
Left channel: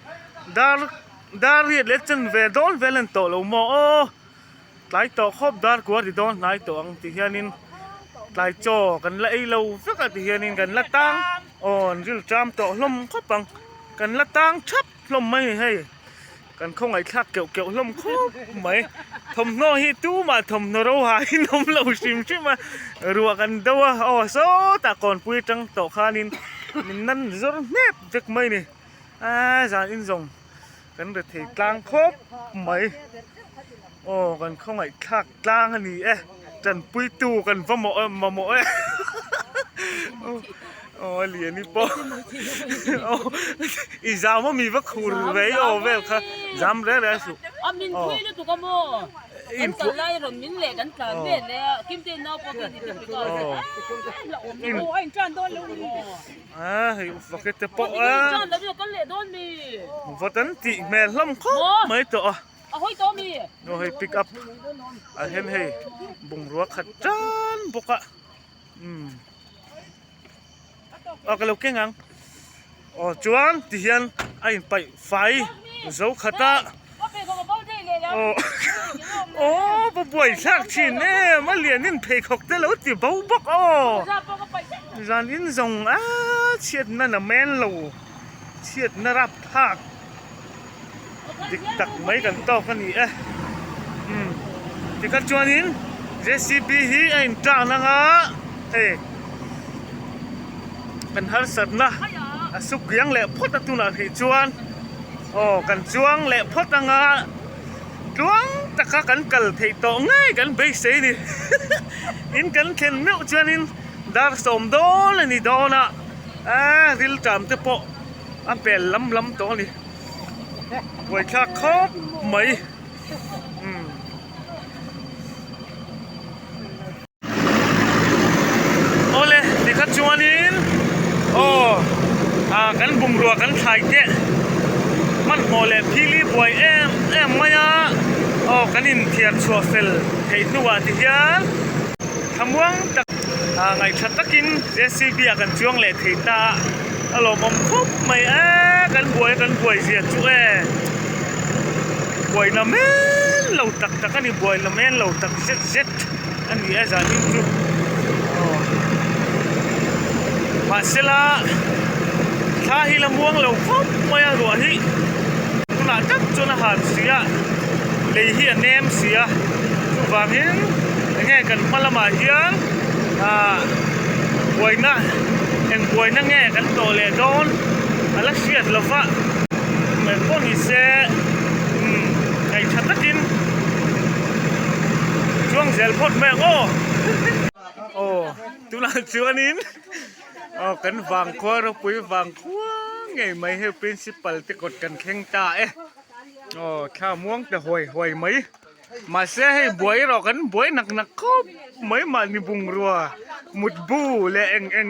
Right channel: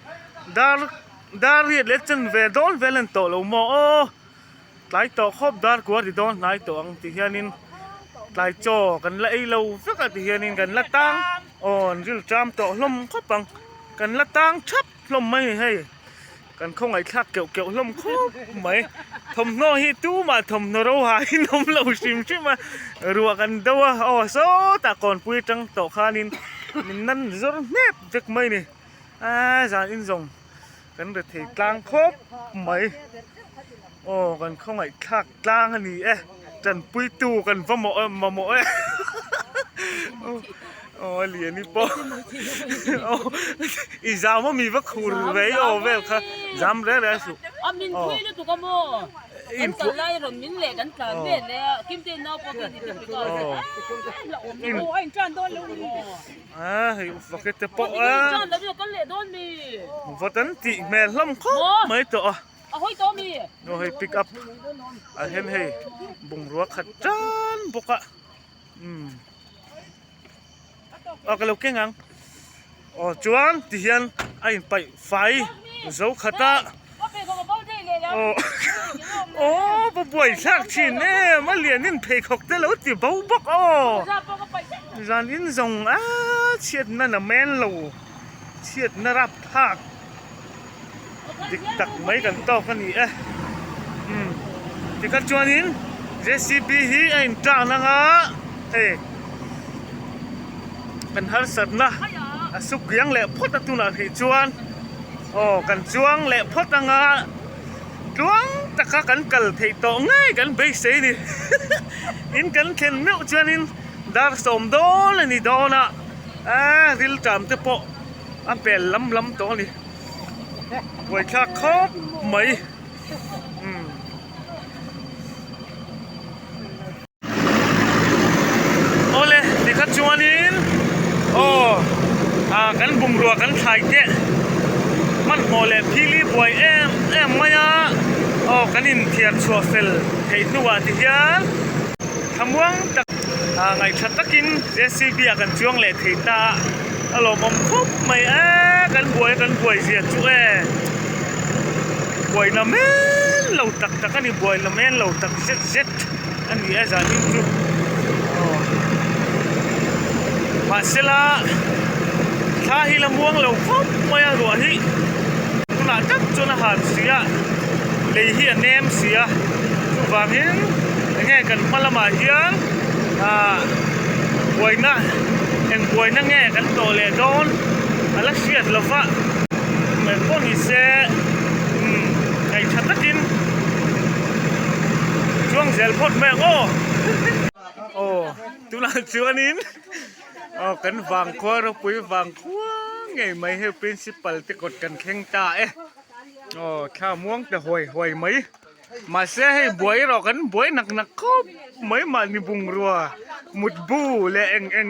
ดาร์เรียดเล็กจนเวดอนเวลันโตเราโมหลายต่อครบดาร์กว่าที่โดนหลายต่ออังที่เฮียนินหลายจ่อกันละไอเราสักที่เฮียนินกันละตังจิลจามต่อลมครบปังกันละตังชับลมไม่ให้กันคงไอ้ทักเกี่ยวลมครบไหมทำน้อยตู้มาทำนรหายนมเราชิมใช่ไหมรัวกันดัวโซ่แต่ก่อนปุยจังต่อคานินมินนั่นจนเน็บจักไม่นี่จานอินทรงกันเดือดถีกลางครบไหมกันคงไอ้ทักกลางอันนี้จันปุยตู้กันฟ้าหมอมาหมอเหรียญนี่ปออีจามว่ามีวัคคูร์ไว้เวลค่ะจำได้แล้วสุมินคุยด้วยตัวกันโมอินกันไล่เรามินเล็กกันกันเด็ดเลยกิมเตนเอาพวกนี้ที่ไปก่อนเราอินจันโดนเลยฟักเตปอจันแล้วเดี๋ยวก็เละโดนมีฟัตันติแม่ล้ำข้อไม่ต่อเฮ้ยตัวมีเฮ้ยปิกอัพเห็นเฮ้ยบุ้งรัวขัดจันปกะก็เราเก่งอังจวนที่เห็นไอ้ไปไฟเจ้าขัดป่วยสักชิ้นเนี่ยมาเรียนนินเพย์ขอกแต่แล้วที่เบาบักจานอินทรงเชียดนั่นน่ะแม่นเราเชียดนรับภาคดิกตักไม่กันต่อกันนี่ที่กันจวนอินเจสีบีฮีไอ้จ้านังกันฮัลสัตนะสุกยังแหละพอดตุนาที่จวนกันจวงแหละพอดงาจวงตะกันกัลที่โตง่ายกันไปเสียนี่อินกันเข็นมิวจวนอินดาร์สมโดนนี่โดนะดิลจามเตปอเป็นล้ำตัวนี่ไว้ข้าครบไหมโอเลที่ขัดจวนอินกันบุงรัวกันไทยเจ้มันโมเลพี่ลีบวยเอ็มมายากันอินเทียนชัวเฟลให้นัวที่เฮียทำวังตักไงชัดตะกินเจสีบีกันช่วงเล็กที่ตาอารมณ์ครบไม่กันบวยเสียจุบวยละเม่นเราตักกันนี่บวยละเม่นเราตักเจ็ดอันนี้จะนิ่งจุมาเสละถ้าฮิลม่วงเราครบไม่รัวฮิตุน่าจับจนอาหารเสียเลยเฮียเนมเสียทุกวันนี้ง่ายกันมาละมาเฮียบวยนะเอ็งบวยนั่งแง่กันโตเลยโดนอะไรเสียดละฟ้าไม่ เลยพวกนี้เซ่ไอ้ชัดกินช่วงเสียพดแม่โอ้ตุลาชวนนินกันฟังคว้าเราปุยฟังคว้าไงไม่ให้ principal ที่กดกันแข่งตาข้าม่วงแต่ห่วยไหมมาเสียให้บวยเรากันบวยหนักครบไม่มานี่บุงรัวมุดบูและเอ็ง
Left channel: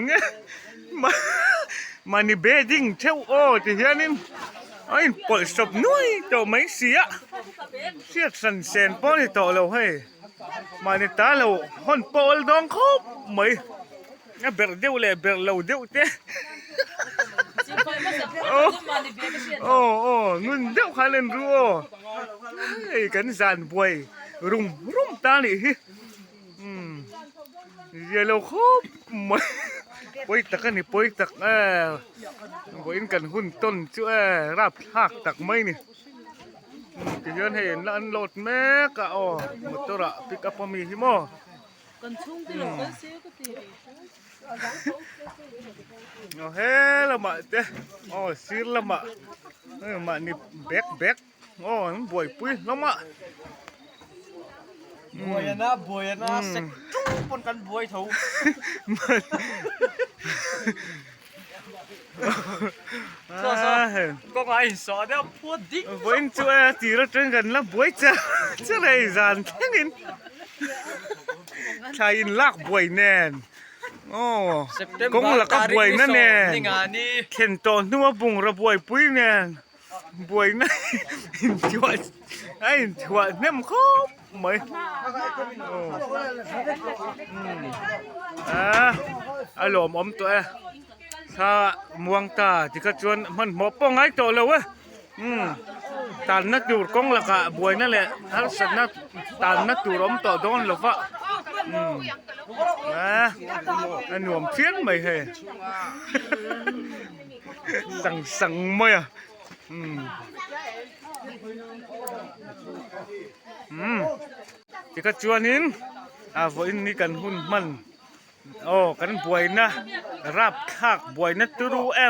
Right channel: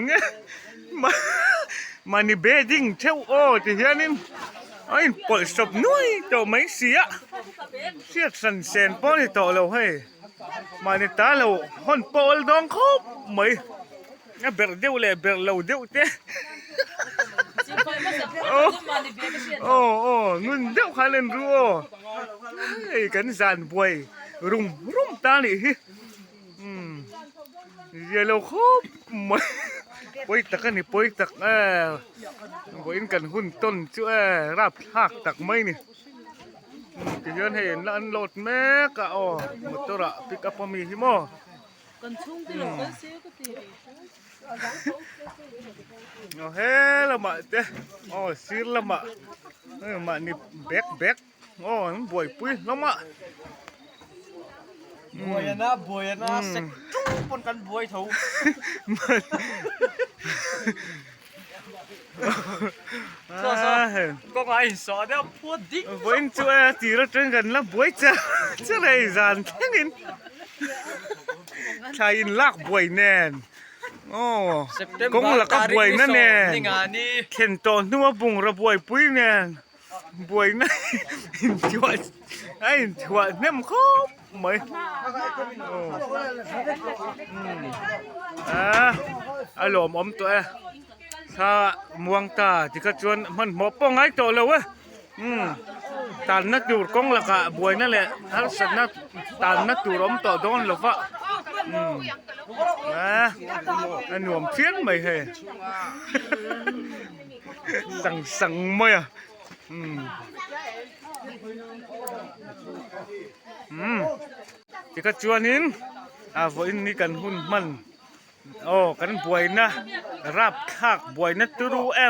มานี่เบดิ้งเช่าที่เฮียนินไอ้ปล่อยศพนุ้ยต่อไม่เสียสันเซนป้อนต่อเราให้มานี่ตาเราคนปอลดองครบไหมเบิร์ดเดียวเลยเบิร์ดเราเดียวเต้นุ่นเดียวขาเล่นรัวไอ้กันสานบวยรุ่มตานี่เดี๋ยวเราครบไหมปอยตักนี่ปอยตักปอยกันหุ่นต้นช่วยรับหักตักไม่นี่จะย้อนเห็นแล้วอันโหลดแม่ก็หมดตัวละปิกอัพมีหิมะกันชุ่มที่เราเคยซื้อก็ตีเฮ้ละมาเต้ซื้อละมามานี่แบกบวยปุ้ยละมาบวยนะเซ็กจุ๊บปนกันบวยถูก็ไงสอนแล้วพูดดิบวยช่วยตีเราจนกันแล้วบวยจะอะไรจานแค่นี้ชายลักบวยแน่นกงลักบวยนั่นแน่เข็นตอนนัวบุงระบวยปุ้ยแน่บวยนั่นชัวเนี่ยมันครบไหมอารมณ์อมตัวถ้าม่วงตาที่กระชวนมันหมอป้องไอ้ตัวเลยเว้ยตานนักดูดกงลักบวยนั่นแหละถ้าสัตว์นักตานนักดูดอมต่อโดนหรอฟะอันหนุ่มเทียนไม่เหรสั่งไม่ที่กระชวนนินวันนี้กันหุ่นมันกันบวยนะรับคักบวยนะตูรูแอ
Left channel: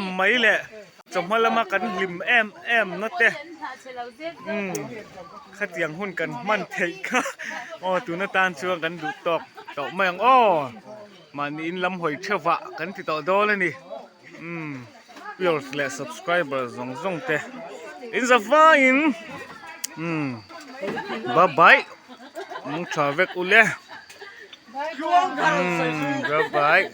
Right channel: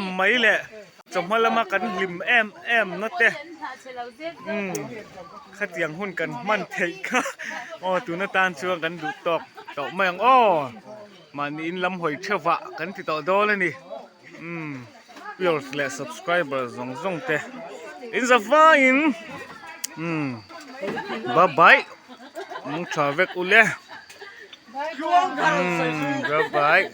มไม่แหละจมมาละมากันลิมแอมนั่นเต้ขัดเตียงหุ่นกันมันเทค่ะตัวน้าตาลชวนกันดูตอกแมงมันอินลำหอยเชฟะกันติดต่อโดเลยนี่viewers และ subscribers ซงเต้in the fine bye byeมึงชอบเวกอุเล่bye bye